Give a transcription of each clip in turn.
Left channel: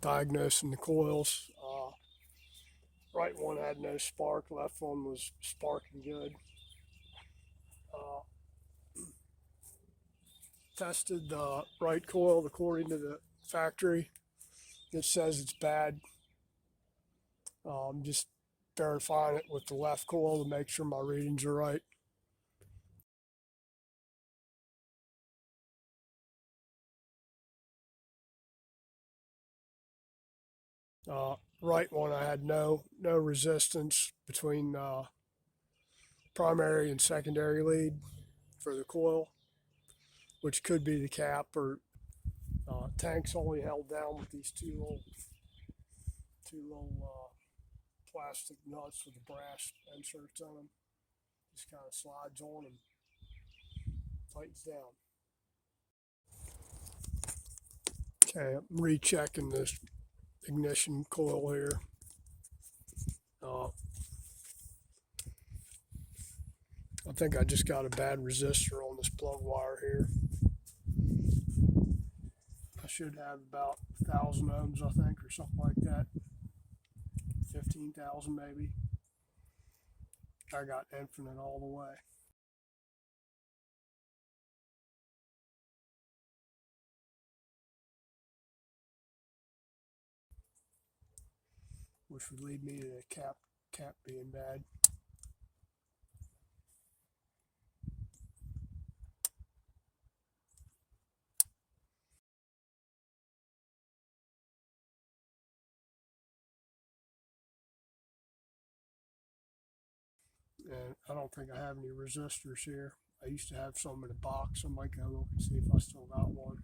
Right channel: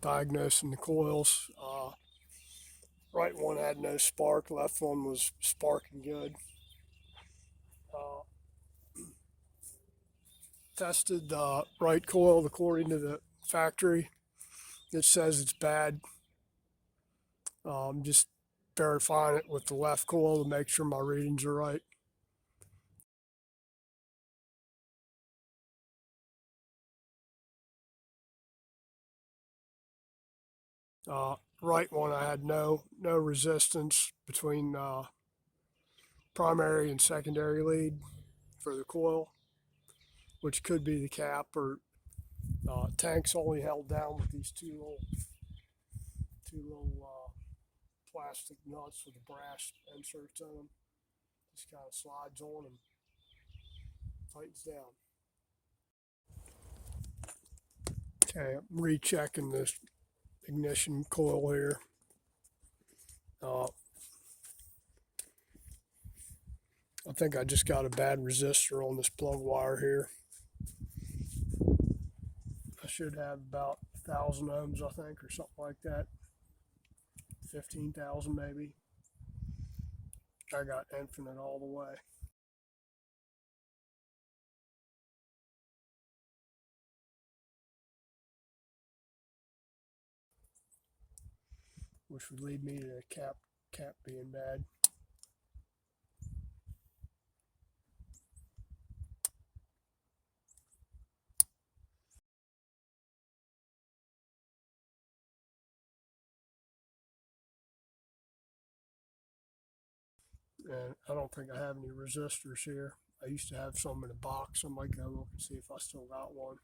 diagnosing the coils. Right one had no spark, left one was sparking good. Uh, Tested the right coil according to the factory. It says it's bad. Just verifying it with the left coil to make sure my readings are right. Right one, I had no resistance between primary and secondary lead for the coil, which could be the cap or tanks only held down with these two little plastic nuts with the brass inserts on them. Just kind of slides on and tightens down. Okay, I'm rechecking this ignition coil here. I think I just got a bad resistor on this plug wire here. I should have about 1,000 ohms, I think, or something like that. 15,000 maybe. I got infinite all the way. Which would lead me to the cap being bad. And I don't think I have any resistors here. I used to have some in a box. I might go look and see if I still got one.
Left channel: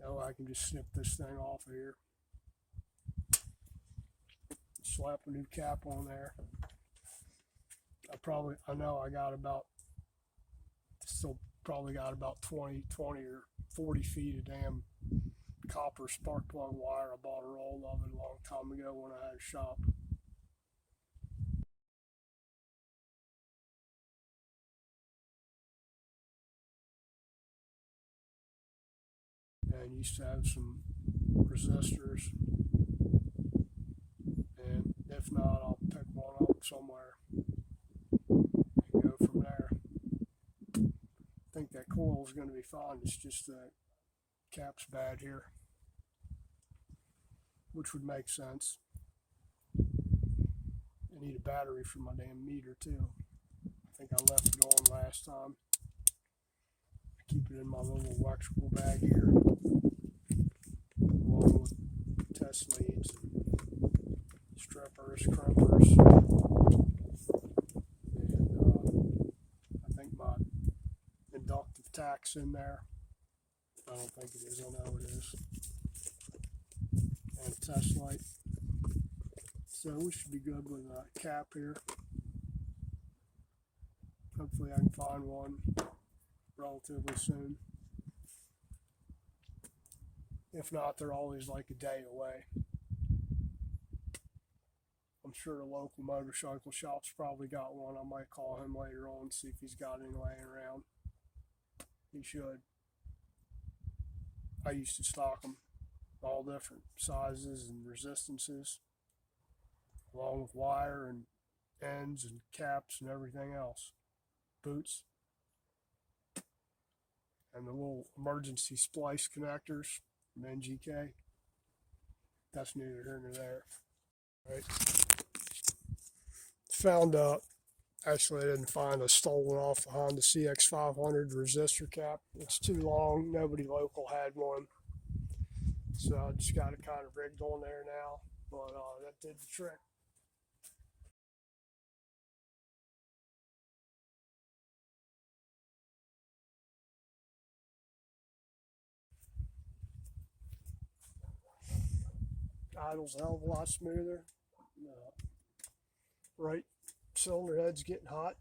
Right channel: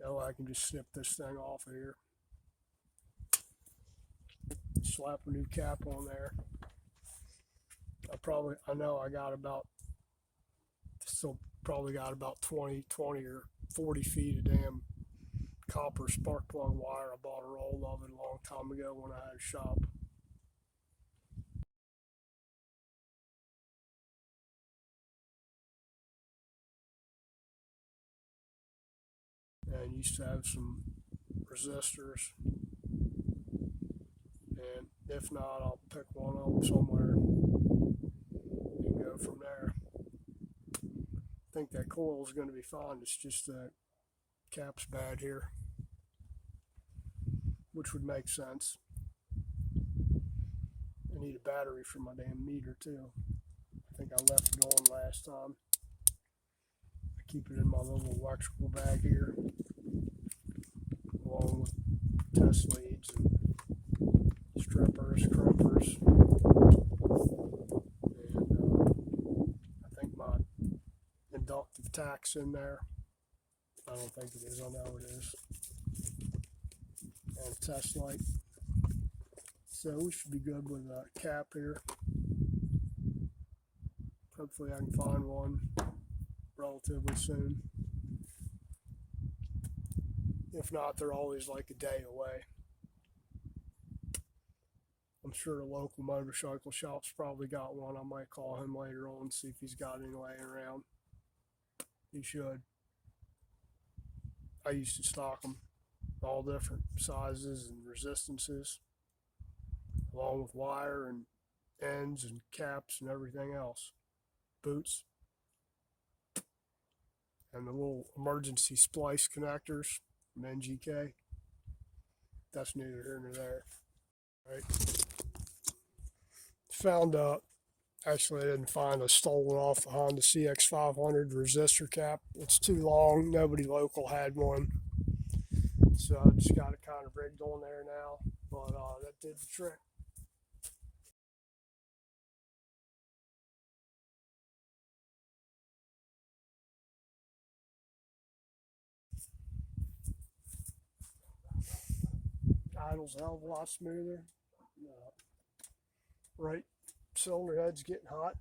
That way I can just snip this thing off of here. Slap a new cap on there. I know I got still probably got about 20 or 40 feet of damn copper spark plug wire. I bought a roll of it a long time ago when I had a shop. And used to have some resistors. And if not, I'll pick one up somewhere and go from there. I think that coil is going to be fine. It's just that cap's bad here, which would make sense. I need a battery for my damn meter too. I think I left it on last time. I keep it in my little electrical bag here, along with test leads and strippers, crimpers, and I think my inductive tach's in there. I don't think it is. I know it is. And a test light. So we should be good with a cap here. Hopefully I can find one relatively soon. If not, they're always like a day away. I'm sure a local motorcycle shop's probably got one. I might call him later on and see if he's got any laying around. He should. I used to stock them, all different sizes and resistances, along with wire and ends and caps and everything else. Boots. And the little emergency splice connectors from NGK. That's neither here nor there. Right. Found actually I didn't find, I stole it off the Honda CX500 resistor cap. It's too long. Nobody local had one. So I just got it kind of rigged on there now. But that did the trick. Idle's a hell of a lot smoother. Right cylinder head's getting hot.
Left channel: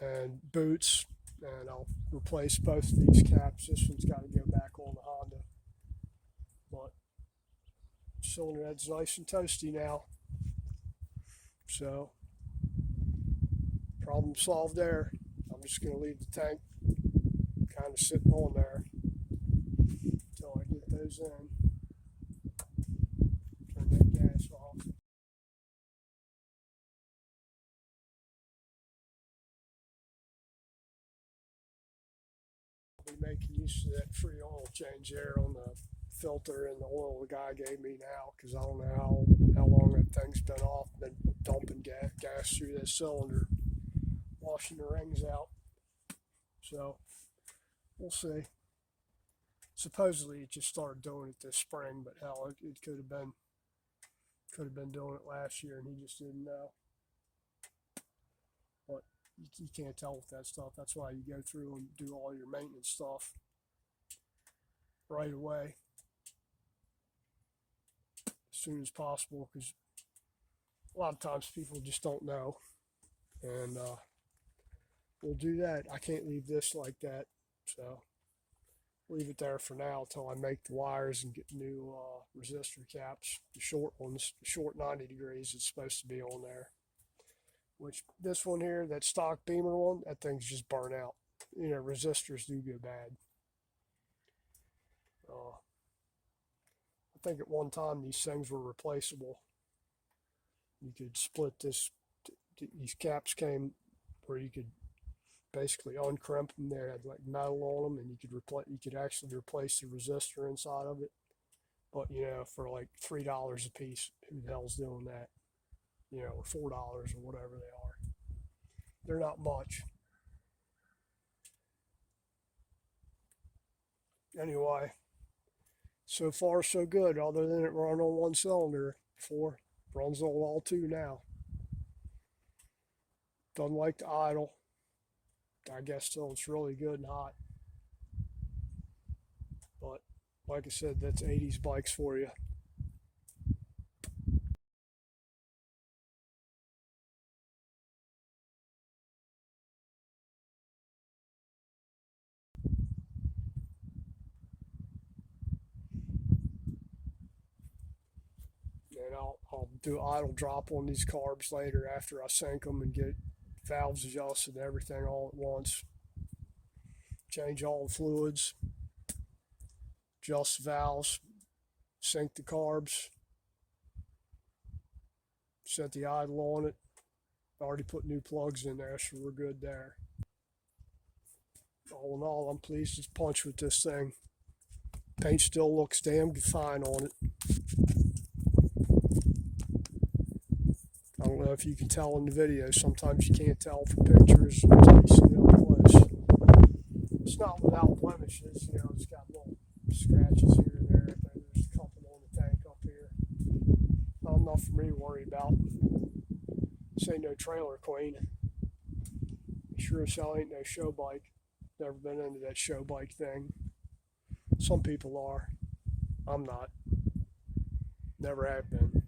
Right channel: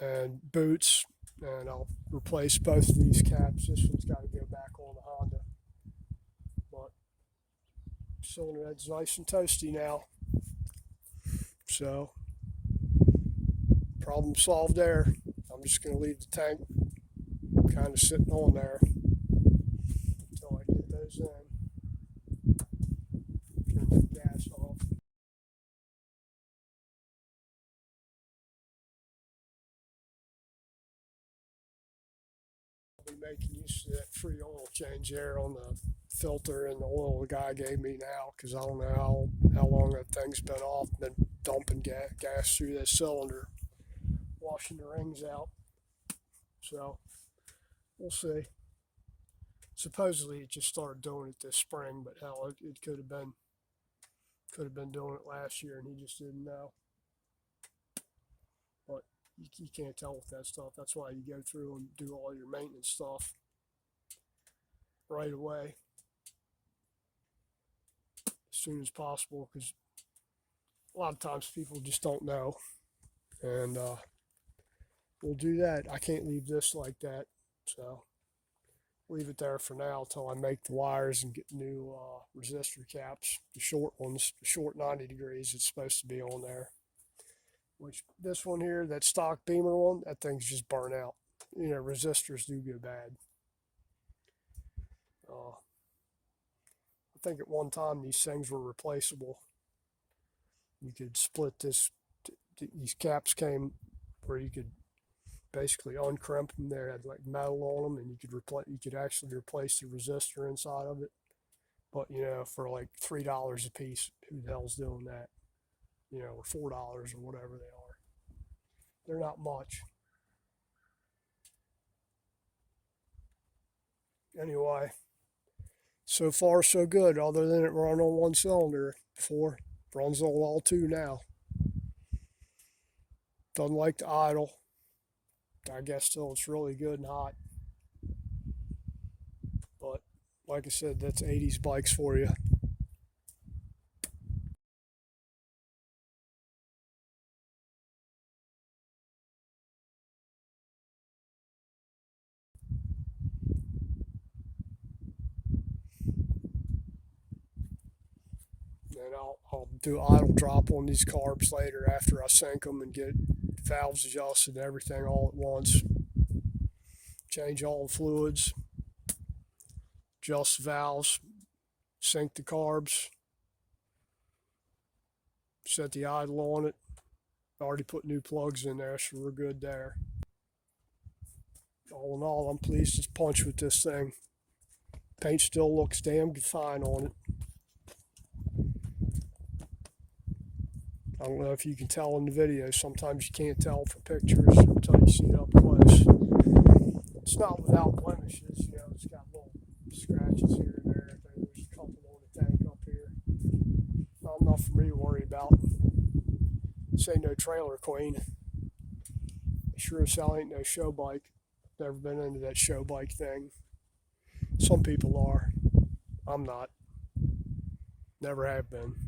and boots, and I'll replace both of these caps. This one's got to go back on the Honda, but cylinder head's nice and toasty now, so problem solved there. I'm just going to leave the tank kind of sitting on there until I get those in. Turn that gas off. I'll be making use of that free oil change there on the filter and the oil the guy gave me now, because I don't know how long that thing's been off. Been dumping gas through that cylinder, washing the rings out. So we'll see. Supposedly it just started doing it this spring, but hell, it could have been doing it last year and he just didn't know. But you can't tell with that stuff. That's why you go through and do all your maintenance stuff right away, as soon as possible, because a lot of times people just don't know. And we'll do that. I can't leave this like that, so leave it there for now until I make the wires and get new resistor caps. The short ones, the short 90 degrees, it's supposed to be on there. Which this one here, that stock Beamer one, that thing's just burnt out. You know, resistors do go bad. I think at one time these things were replaceable. You could split this. These caps came where you could basically uncrimp them. They had like metal on them, and you could actually replace the resistor inside of it. But you know, for like $3 a piece, who the hell's doing that? You know, or $4 or whatever they are. They're not much. Anyway, so far so good. Other than it run on one cylinder before, runs on all two now. Doesn't like to idle. I guess still it's really good and hot. But like I said, that's 80s bikes for you. And I'll do idle drop on these carbs later after I sync them and get valves adjusted and everything all at once. Change all the fluids, adjust valves, sync the carbs, set the idle on it. Already put new plugs in there, so we're good there. All in all, I'm pleased as punch with this thing. Paint still looks damn fine on it. I don't know if you can tell in the video. Sometimes you can't tell from pictures until you see it up close. It's not without blemishes, you know. It's got little scratches here and there. There's a couple on the tank up here. Not enough for me to worry about. This ain't no trailer queen. Sure as hell ain't no show bike. Never been into that show bike thing. Some people are. I'm not. Never have been.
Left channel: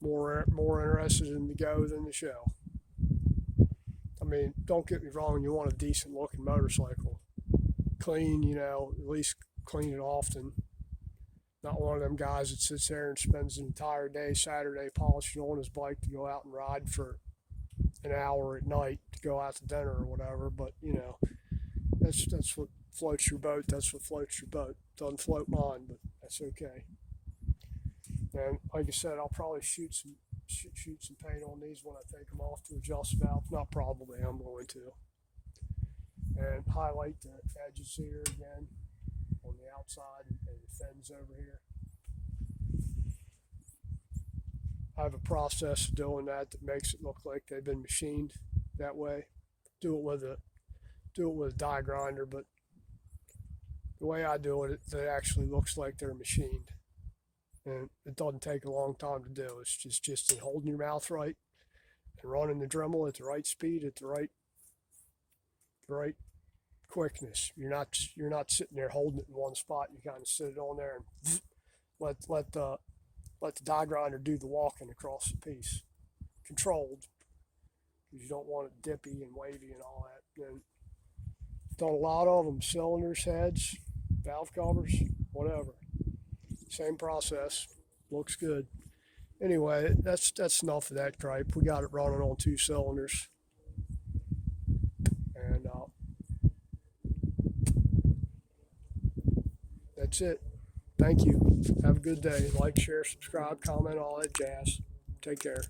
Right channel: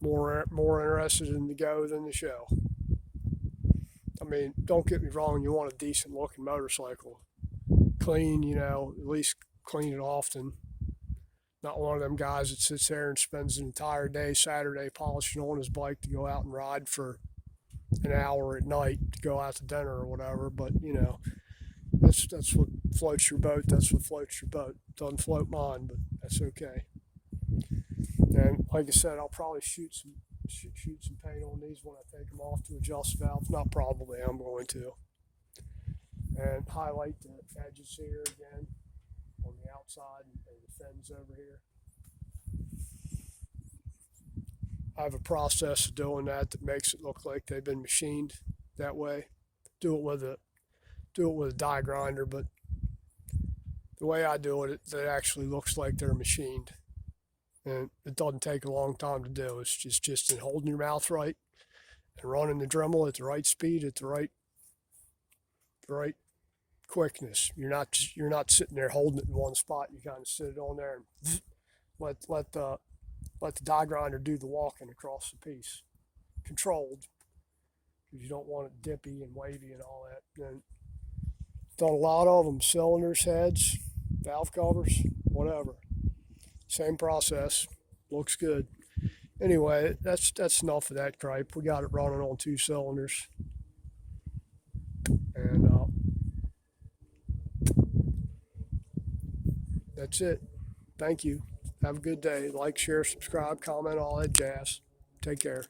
More interested in the go than the show. I mean, don't get me wrong, you want a decent looking motorcycle. Clean, you know, at least clean it often. Not one of them guys that sits there and spends an entire day Saturday polishing on his bike to go out and ride for an hour at night to go out to dinner or whatever. But you know, that's what floats your boat. That's what floats your boat. Doesn't float mine, but that's okay. And like I said, I'll probably shoot some paint on these when I take them off to adjust valve. Not probably, I'm going to. And highlight the edges here again on the outside and the fins over here. I have a process of doing that makes it look like they've been machined that way. Do it with a die grinder, but the way I do it, it actually looks like they're machined. And it doesn't take a long time to do. It's just in holding your mouth right and running the Dremel at the right speed, at the right quickness. You're not sitting there holding it in one spot. You kind of sit it on there and let the die grinder do the walking across the piece. controlled, because you don't want it dippy and wavy and all that. And done a lot of them, cylinders, heads, valve covers, whatever. Same process. Looks good. Anyway, that's enough of that gripe. We got it running on 2 cylinders. And that's it. Thank you. Have a good day. Like, share, subscribe, comment, all that jazz. Take care.